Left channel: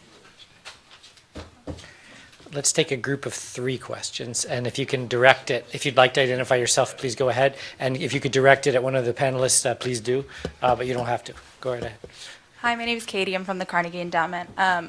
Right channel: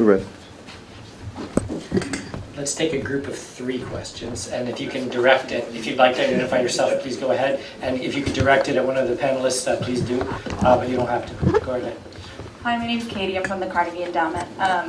Right. Let's take a group of 3 questions, and if you can direct it, if you'd like to identify yourself, please go ahead. And if you could direct it at one of the panelists, please do, but you don't have to. Go ahead. Hi, my name's Katie. I'm from the Carnegie Endowment.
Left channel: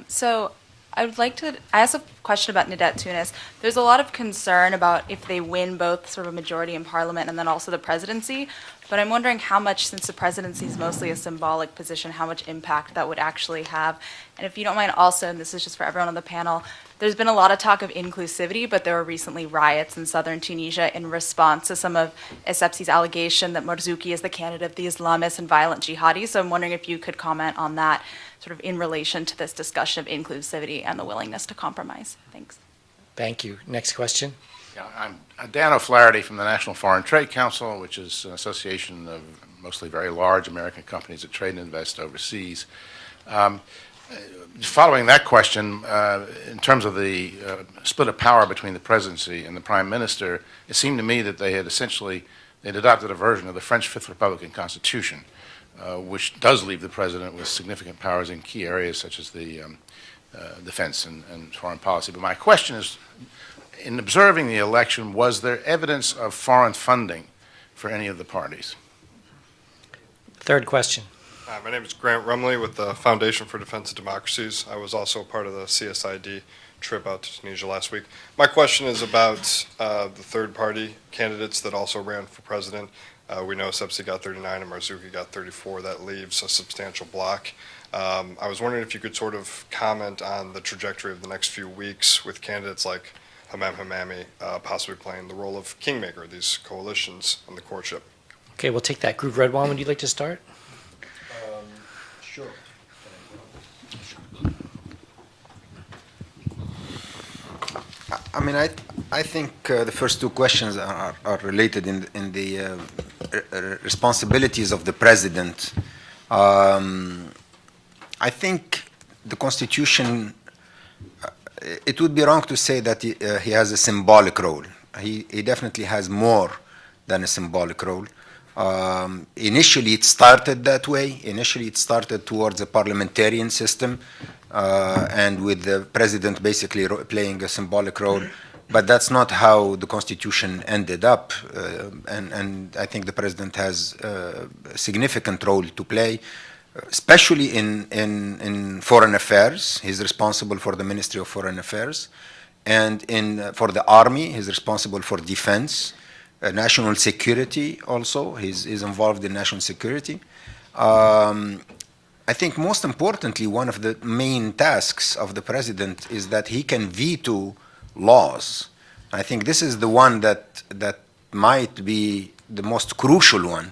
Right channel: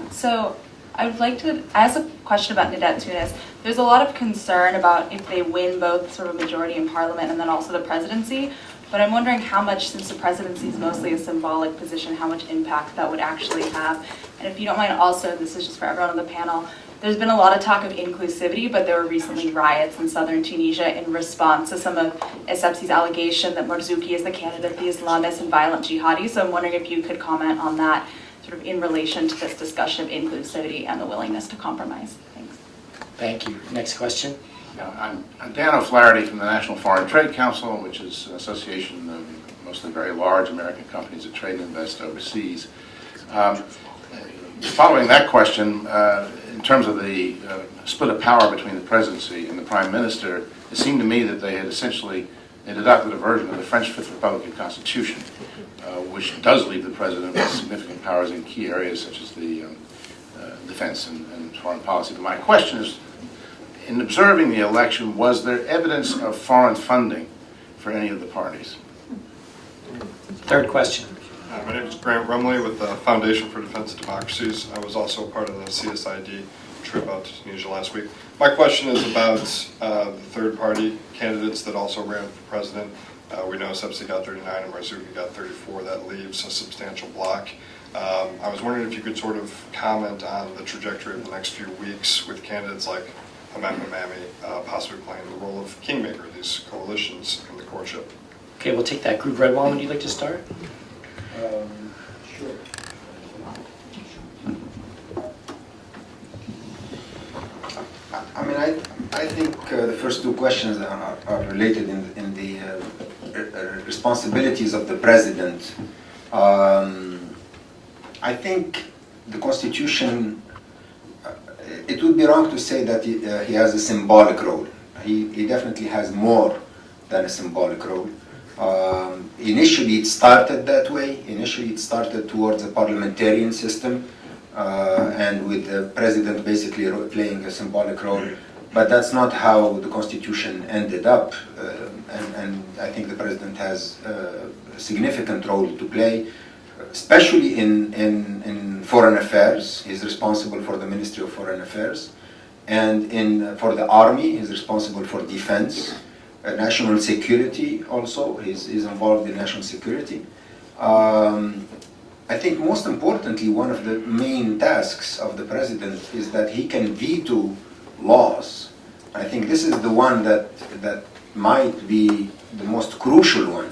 So I would like to ask a question about Nadat Tunis. There's a lot of concern about if they win both sort of majority in parliament and then also the presidency. But I'm wondering how much, since the presidency is mostly a symbolic position, how much impact that would actually have. And if you don't mind also, and this is just for everyone on the panel, there's been a lot of talk of inclusivity, but there were recently riots in southern Tunisia in response to some of Essebsi's allegation that Marzouki is the candidate, the Islamist and violent jihadi. So I'm wondering if you could comment on that sort of in relation to this discussion of inclusivity and the willingness to compromise. Thanks. Thank you. Next question. I'm Dan O'Flaherty from the National Foreign Trade Council, which is an association of mostly very large American companies that trade and invest overseas. Following that question, in terms of the split of power between the presidency and the prime minister, it seemed to me that they had they'd adopted a version of the French Fifth Republican Constitution, which does leave the president with significant powers in key areas such as the defense and foreign policy. But my question is, in observing the election, was there evidence of foreign funding for any of the parties? 3rd question. My name is Grant Rumley with the Foundation for Defense of Democracies. I was also part of the CSID trip out to Tunisia last week. My question is about the third-party candidates that also ran for president. We know Essebsi got 39 and Marzouki got 34. That leaves a substantial block. I was wondering if you could sort of comment on the trajectory of the next few weeks with candidates like Hamed Mamami possibly playing the role of kingmaker, these coalitions in the courtship. Okay, we'll take that group. Redwan, would you like to start? Sure. I mean, I think the first 2 questions are related in the responsibilities of the president. I think the Constitution, it would be wrong to say that he has a symbolic role. He definitely has more than a symbolic role. Initially it started that way. Initially it started towards a parliamentarian system and with the president basically playing a symbolic role. But that's not how the Constitution ended up. And I think the president has a significant role to play, especially in foreign affairs. He's responsible for the Ministry of Foreign Affairs. And for the army, he's responsible for defense. National security also, he's involved in national security. I think most importantly, one of the main tasks of the president is that he can veto laws. I think this is the one that might be the most crucial one,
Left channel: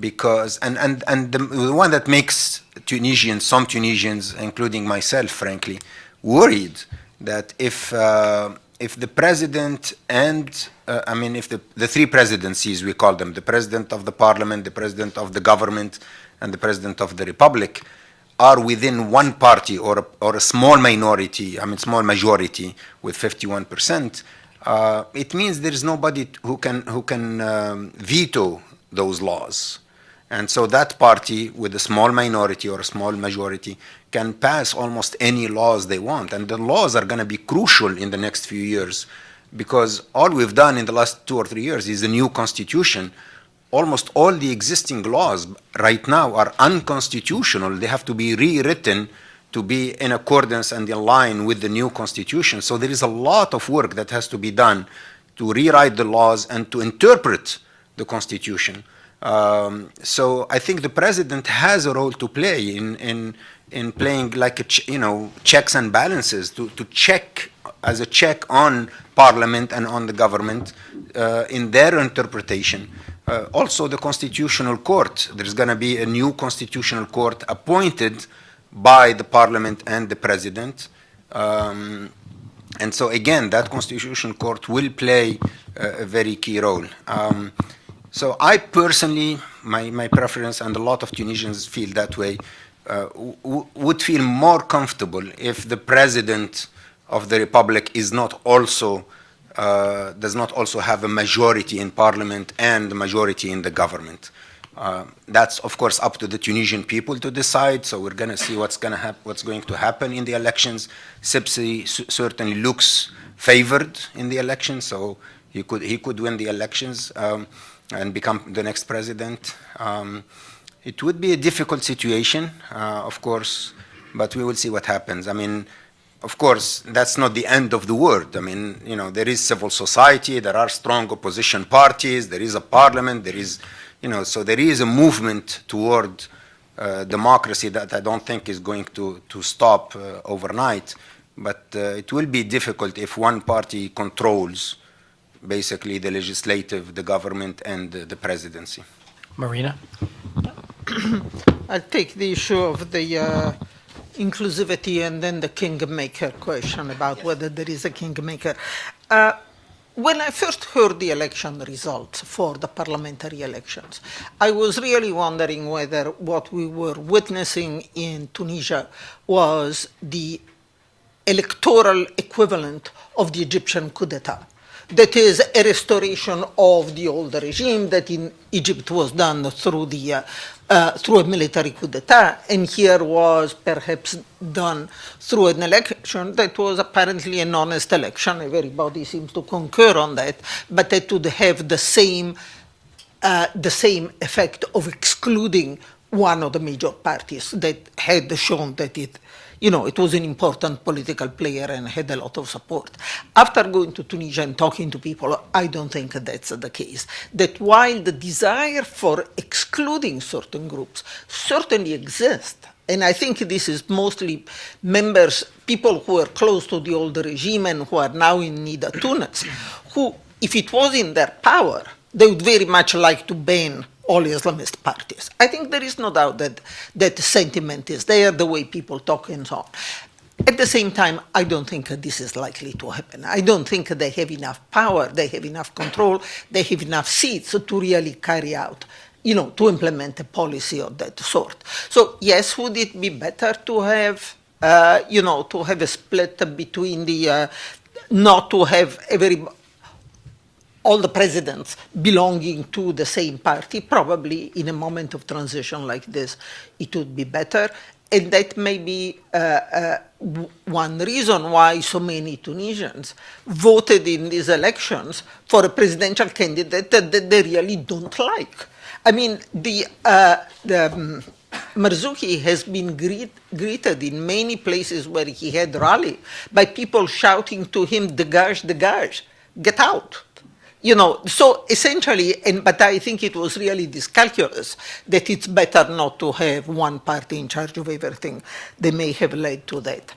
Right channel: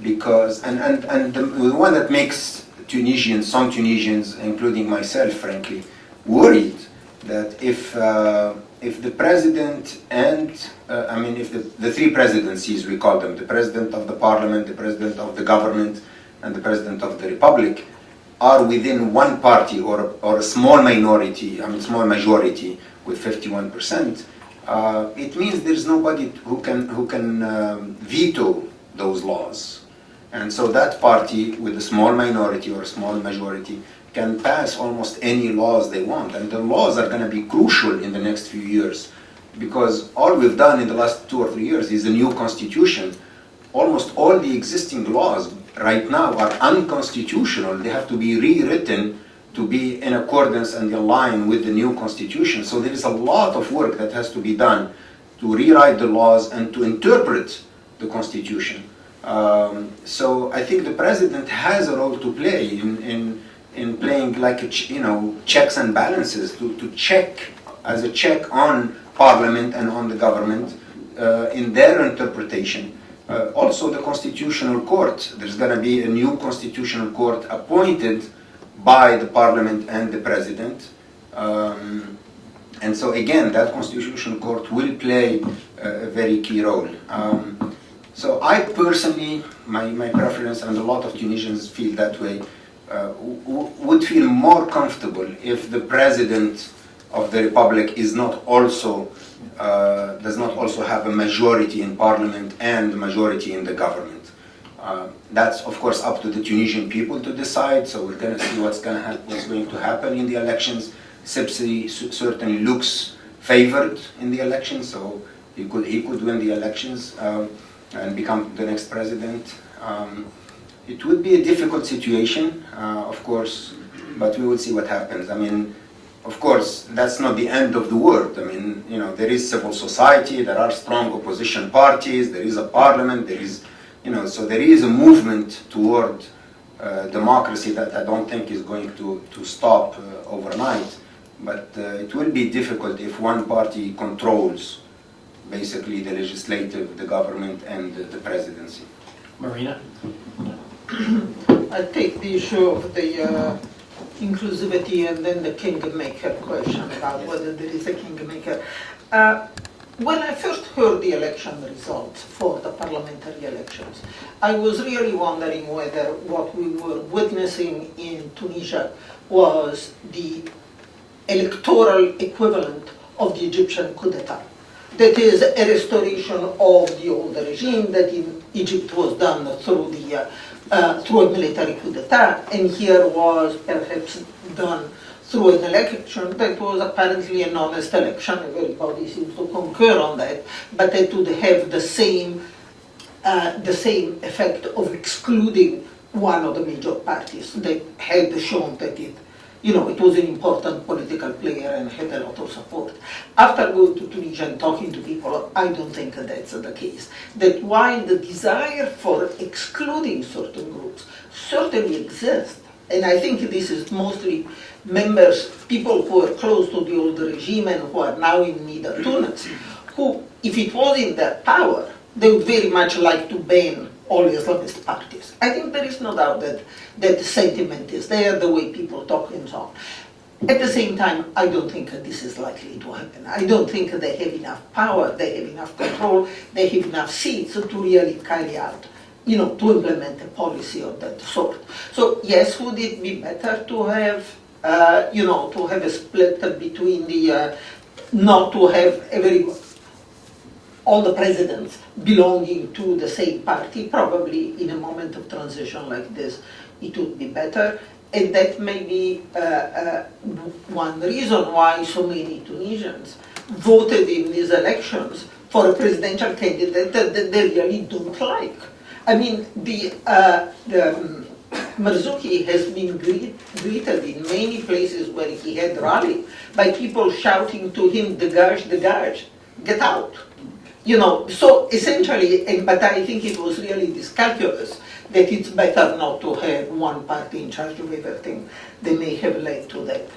because and the one that makes Tunisians, some Tunisians, including myself, frankly, worried that if the president and if the 3 presidencies, we call them, the president of the parliament, the president of the government, and the president of the republic, are within one party or a small minority, small majority with 51%, it means there's nobody who can veto those laws. And so that party with a small minority or a small majority can pass almost any laws they want. And the laws are going to be crucial in the next few years, because all we've done in the last 2 or 3 years is a new constitution. Almost all the existing laws right now are unconstitutional. They have to be rewritten to be in accordance and in line with the new constitution. So there is a lot of work that has to be done to rewrite the laws and to interpret the constitution. So I think the president has a role to play in playing like checks and balances, to check, as a check on parliament and on the government in their interpretation. Also the Constitutional Court, there's going to be a new Constitutional Court appointed by the parliament and the president. And so again, that Constitutional Court will play a very key role. So I personally, my preference, and a lot of Tunisians feel that way, would feel more comfortable if the president of the republic is not also does not also have a majority in parliament and a majority in the government. That's of course up to the Tunisian people to decide. So we're going to see what's going to happen in the elections. Sibsi certainly looks favored in the elections, so he could win the elections and become the next president. It would be a difficult situation, of course, but we will see what happens. I mean, of course, that's not the end of the world. I mean, you know, there is civil society, there are strong opposition parties, there is a parliament, there is, you know, so there is a movement toward democracy that I don't think is going to stop overnight. But it will be difficult if one party controls basically the legislative, the government, and the presidency. Marina? I'll take the issue of the inclusivity and then the kingmaker question about whether there is a kingmaker. When I first heard the election results for the parliamentary elections, I was really wondering whether what we were witnessing in Tunisia was the electoral equivalent of the Egyptian coup d'etat. That is a restoration of the old regime that in Egypt was done through a military coup d'etat, and here was perhaps done through an election that was apparently an honest election. Everybody seems to concur on that, but that would have the same effect of excluding one of the major parties that had shown that it was an important political player and had a lot of support. After going to Tunisia and talking to people, I don't think that's the case. That while the desire for excluding certain groups certainly exists, and I think this is mostly people who are close to the old regime and who are now in Nida Tunis, who, if it was in their power, they would very much like to ban all Islamist parties. I think there is no doubt that sentiment is there, the way people talk and so on. At the same time, I don't think this is likely to happen. I don't think they have enough power, they have enough control, they have enough seats to really carry out, to implement a policy of that sort. So yes, would it be better to have, to have a split between not to have all the presidents belonging to the same party? Probably in a moment of transition like this, it would be better. And that may be one reason why so many Tunisians voted in these elections for a presidential candidate that they really don't like. I mean, Marzouki has been greeted in many places where he had rallied by people shouting to him, dégage, get out. So essentially, but I think it was really this calculus that it's better not to have one party in charge of everything. They may have led to that.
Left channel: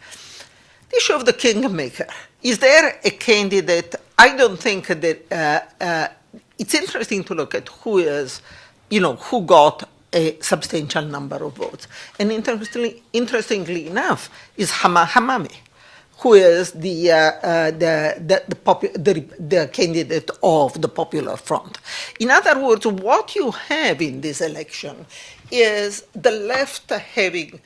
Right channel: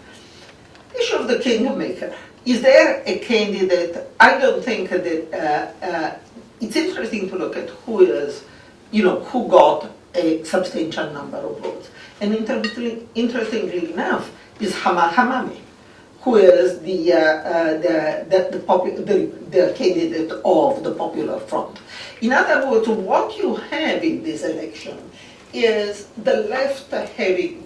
The issue of the kingmaker. Is there a candidate? I don't think that, it's interesting to look at who got a substantial number of votes. And interestingly enough, is Hamami, who is the candidate of the Popular Front. In other words, what you have in this election is the left having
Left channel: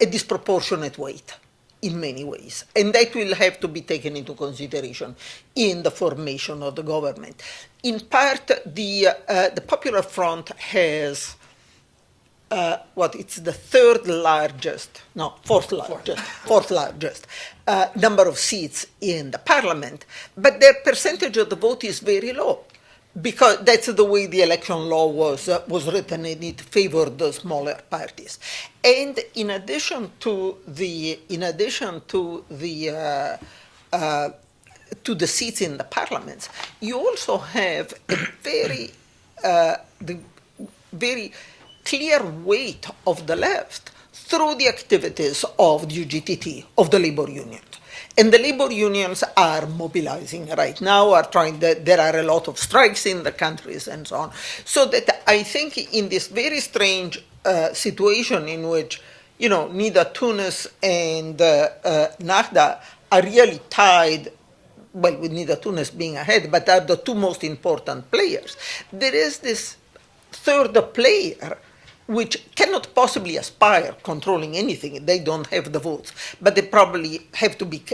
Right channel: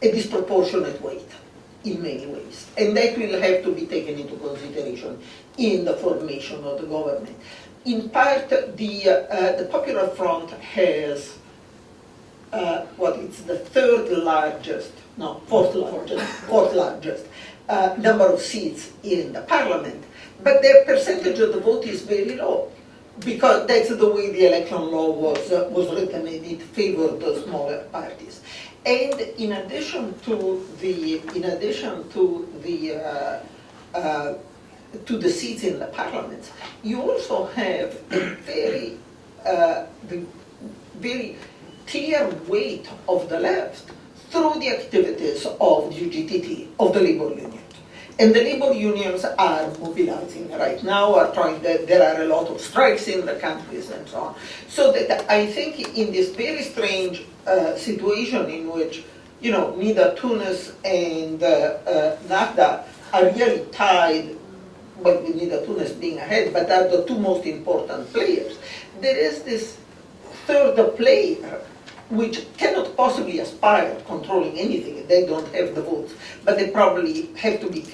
a disproportionate weight in many ways, and that will have to be taken into consideration in the formation of the government. In part, the Popular Front has it's the fourth largest number of seats in the parliament, but their percentage of the vote is very low, because that's the way the election law was written, and it favored the smaller parties. And in addition to the seats in the parliaments, you also have a very clear weight of the left through the activities of the UGTT, of the labor unions. And the labor unions are mobilizing right now, there are a lot of strikes in the countries and so on. So that I think in this very strange situation in which, Nida Tunis and Nahda are really tied, with Nida Tunis being ahead, but are the two most important players. There is this third player which cannot possibly aspire controlling anything. They don't have the votes, but they probably have to be.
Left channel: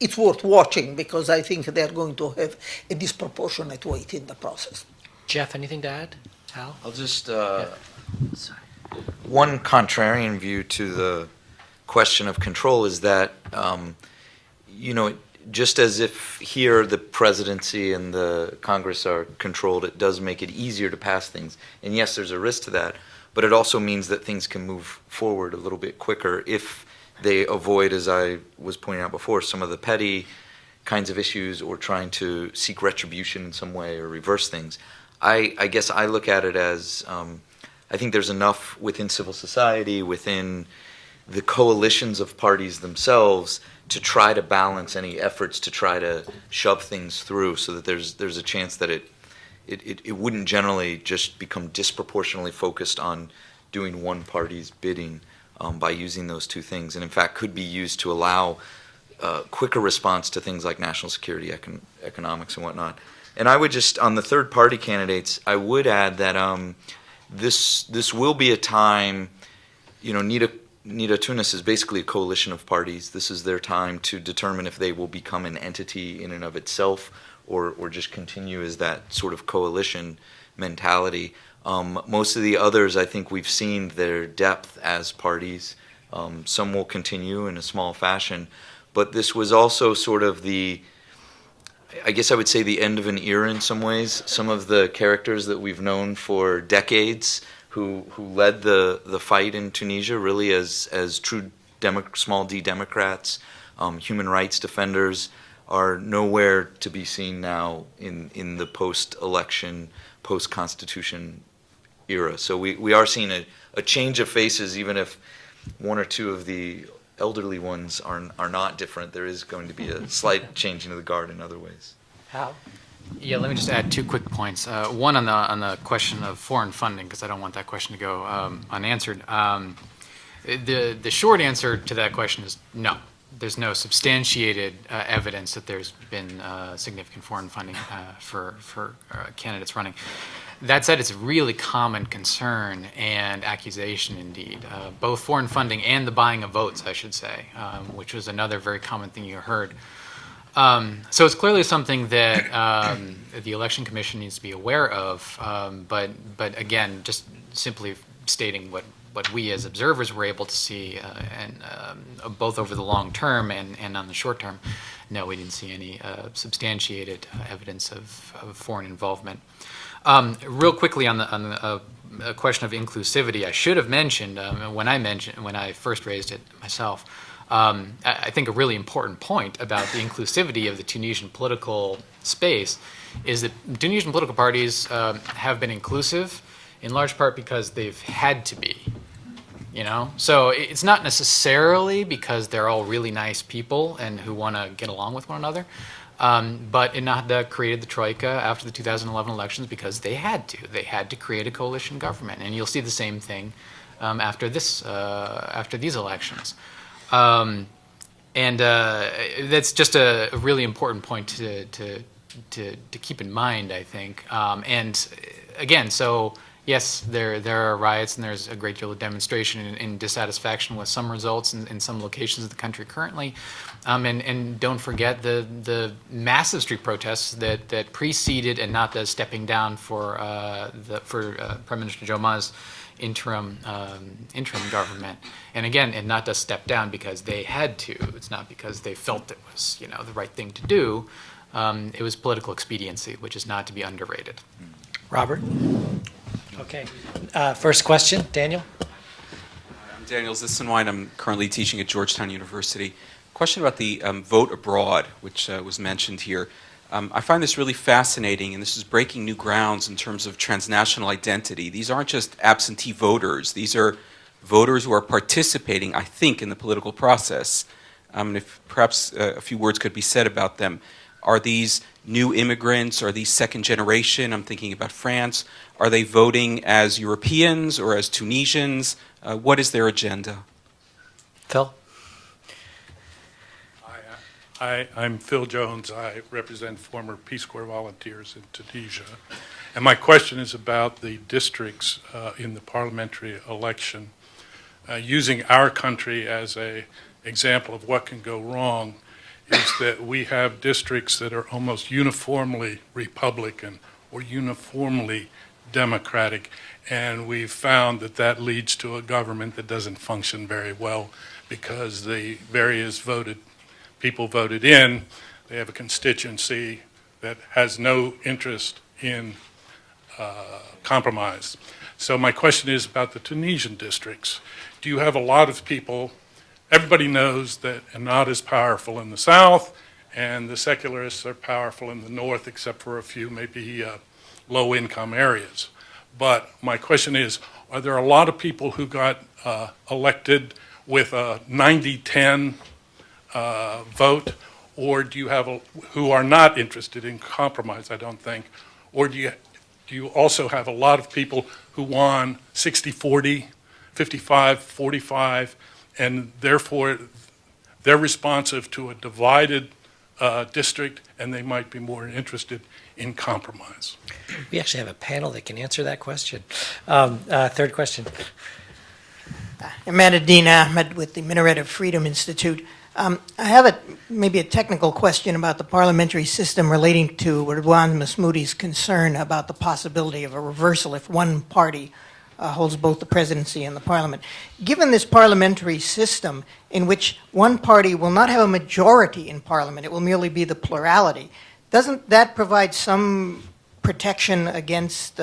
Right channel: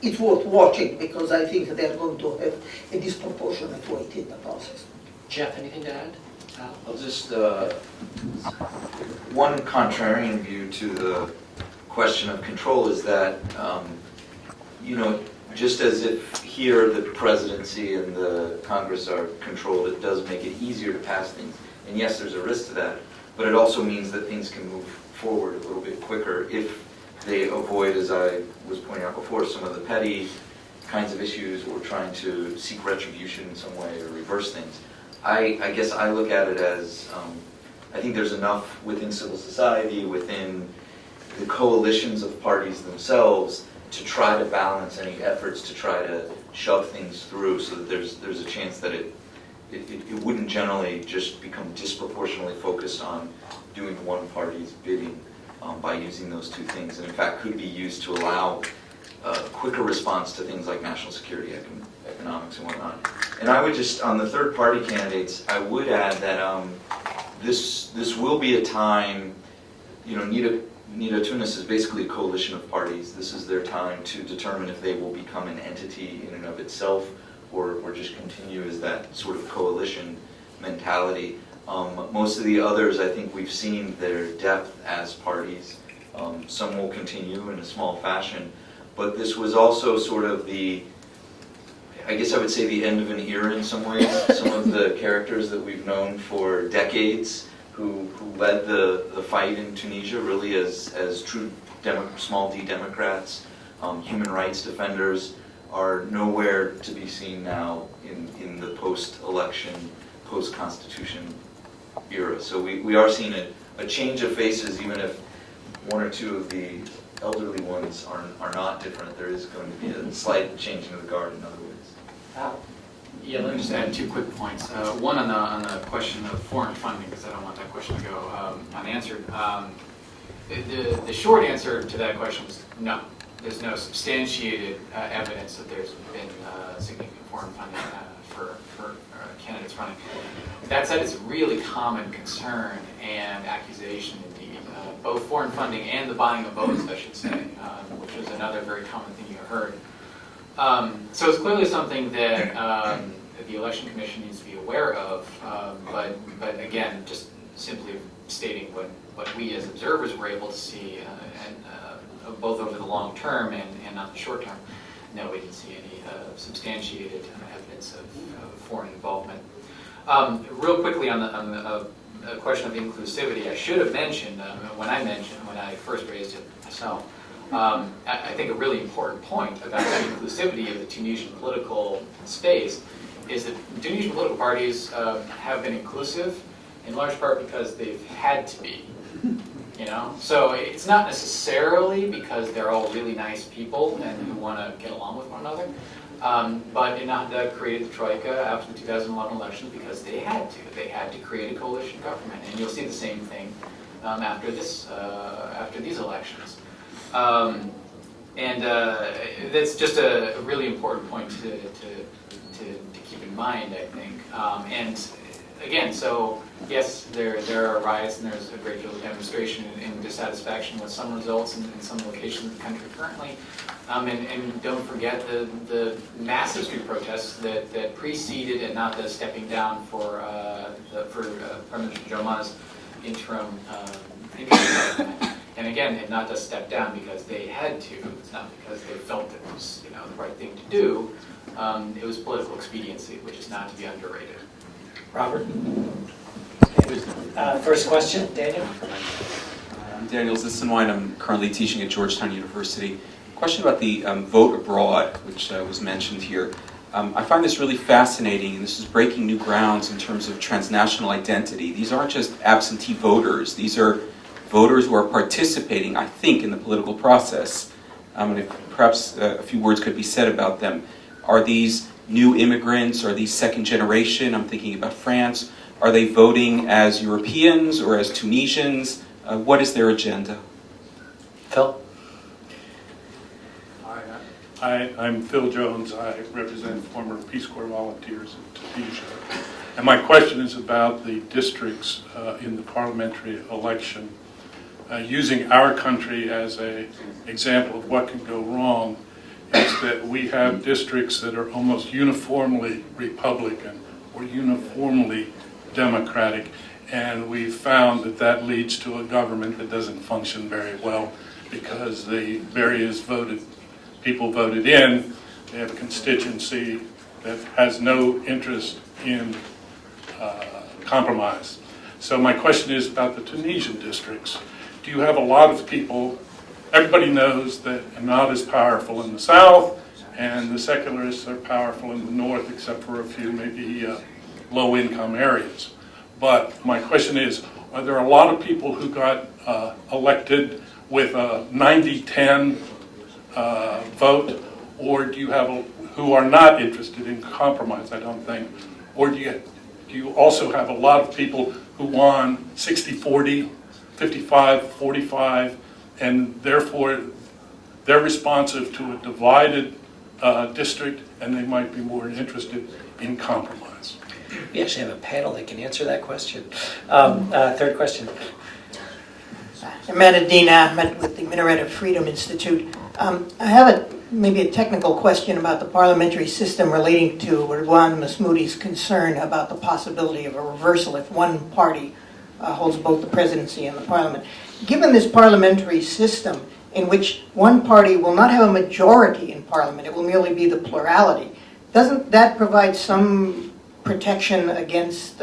It's worth watching, because I think they're going to have a disproportionate weight in the process. Jeff, anything to add? Al? I'll just, one contrarian view to the question of control is that, you know, just as if here the presidency and the Congress are controlled, it does make it easier to pass things. And yes, there's a risk to that, but it also means that things can move forward a little bit quicker if they avoid, as I was pointing out before, some of the petty kinds of issues or trying to seek retribution in some way or reverse things. I guess I look at it as, I think there's enough within civil society, within the coalitions of parties themselves, to try to balance any efforts to try to shove things through so that there's a chance that it wouldn't generally just become disproportionately focused on doing one party's bidding by using those two things, and in fact could be used to allow quicker response to things like national security, economics, and whatnot. And I would just, on the third party candidates, I would add that this will be a time, you know, Nida Tunis is basically a coalition of parties. This is their time to determine if they will become an entity in and of itself or just continue as that sort of coalition mentality. Most of the others, I think we've seen their depth as parties. Some will continue in a small fashion. But this was also sort of I guess I would say the end of an era in some ways. Some of the characters that we've known for decades who led the fight in Tunisia really as true small d Democrats, human rights defenders, are nowhere to be seen now in the post-election, post-constitution era. So we are seeing a change of faces, even if one or two of the elderly ones are not different. There is going to be a slight changing of the guard in other ways. How? Yeah, let me just add 2 quick points. One on the question of foreign funding, because I don't want that question to go unanswered. The short answer to that question is no. There's no substantiated evidence that there's been significant foreign funding for candidates running. That said, it's a really common concern and accusation indeed, both foreign funding and the buying of votes, I should say, which was another very common thing you heard. So it's clearly something that the Election Commission needs to be aware of, but again, just simply stating what we as observers were able to see, and both over the long term and on the short term, no, we didn't see any substantiated evidence of foreign involvement. Real quickly on the question of inclusivity, I should have mentioned when I first raised it myself. I think a really important point about the inclusivity of the Tunisian political space is that Tunisian political parties have been inclusive in large part because they've had to be. You know, so it's not necessarily because they're all really nice people and who want to get along with one another, but Ennahda created the Troika after the 2011 elections because they had to. They had to create a coalition government, and you'll see the same thing after these elections. That's just a really important point to keep in mind, I think. And again, so yes, there are riots and there's a great deal of demonstration and dissatisfaction with some results in some locations of the country currently. And don't forget the massive street protests that preceded Ennahda stepping down for Prime Minister Joma's interim government. And again, Ennahda stepped down because they had to. It's not because they felt it was the right thing to do. It was political expediency, which is not to be underrated. Robert? Okay. First question, Daniel? I'm Daniel Zissenwein. I'm currently teaching at Georgetown University. Question about the vote abroad, which was mentioned here. I find this really fascinating, and this is breaking new grounds in terms of transnational identity. These aren't just absentee voters. These are voters who are participating, I think, in the political process. And if perhaps a few words could be said about them. Are these new immigrants? Are these second generation? I'm thinking about France. Are they voting as Europeans or as Tunisians? What is their agenda? Phil? I'm Phil Jones. I represent former Peace Corps volunteers in Tunisia. And my question is about the districts in the parliamentary election. Using our country as an example of what can go wrong is that we have districts that are almost uniformly Republican or uniformly democratic, and we've found that that leads to a government that doesn't function very well because the various people voted in, they have a constituency that has no interest in compromise. So my question is about the Tunisian districts. Do you have a lot of people, everybody knows that Ennahda is powerful in the south, and the secularists are powerful in the north, except for a few maybe low-income areas. But my question is, are there a lot of people who got elected with a 90-10 vote, or do you have who are not interested in compromise, I don't think, or do you also have a lot of people who won 60-40, 55-45, and therefore they're responsive to a divided district, and they might be more interested in compromise? We actually have a panel that can answer that question. Third question. Ahmadine Ahmed with the Minaret of Freedom Institute. I have maybe a technical question about the parliamentary system relating to Ridwan Masmoudi's concern about the possibility of a reversal if one party holds both the presidency and the parliament. Given this parliamentary system in which one party will not have a majority in parliament, it will merely be the plurality, doesn't that provide some protection against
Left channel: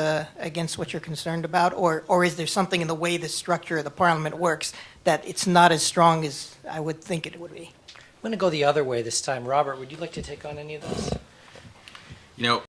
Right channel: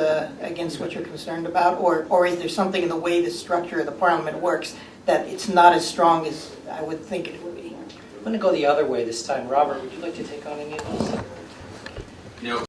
what you're concerned about, or is there something in the way the structure of the parliament works that it's not as strong as I would think it would be? I'm going to go the other way this time. Robert, would you like to take on any of those? You know,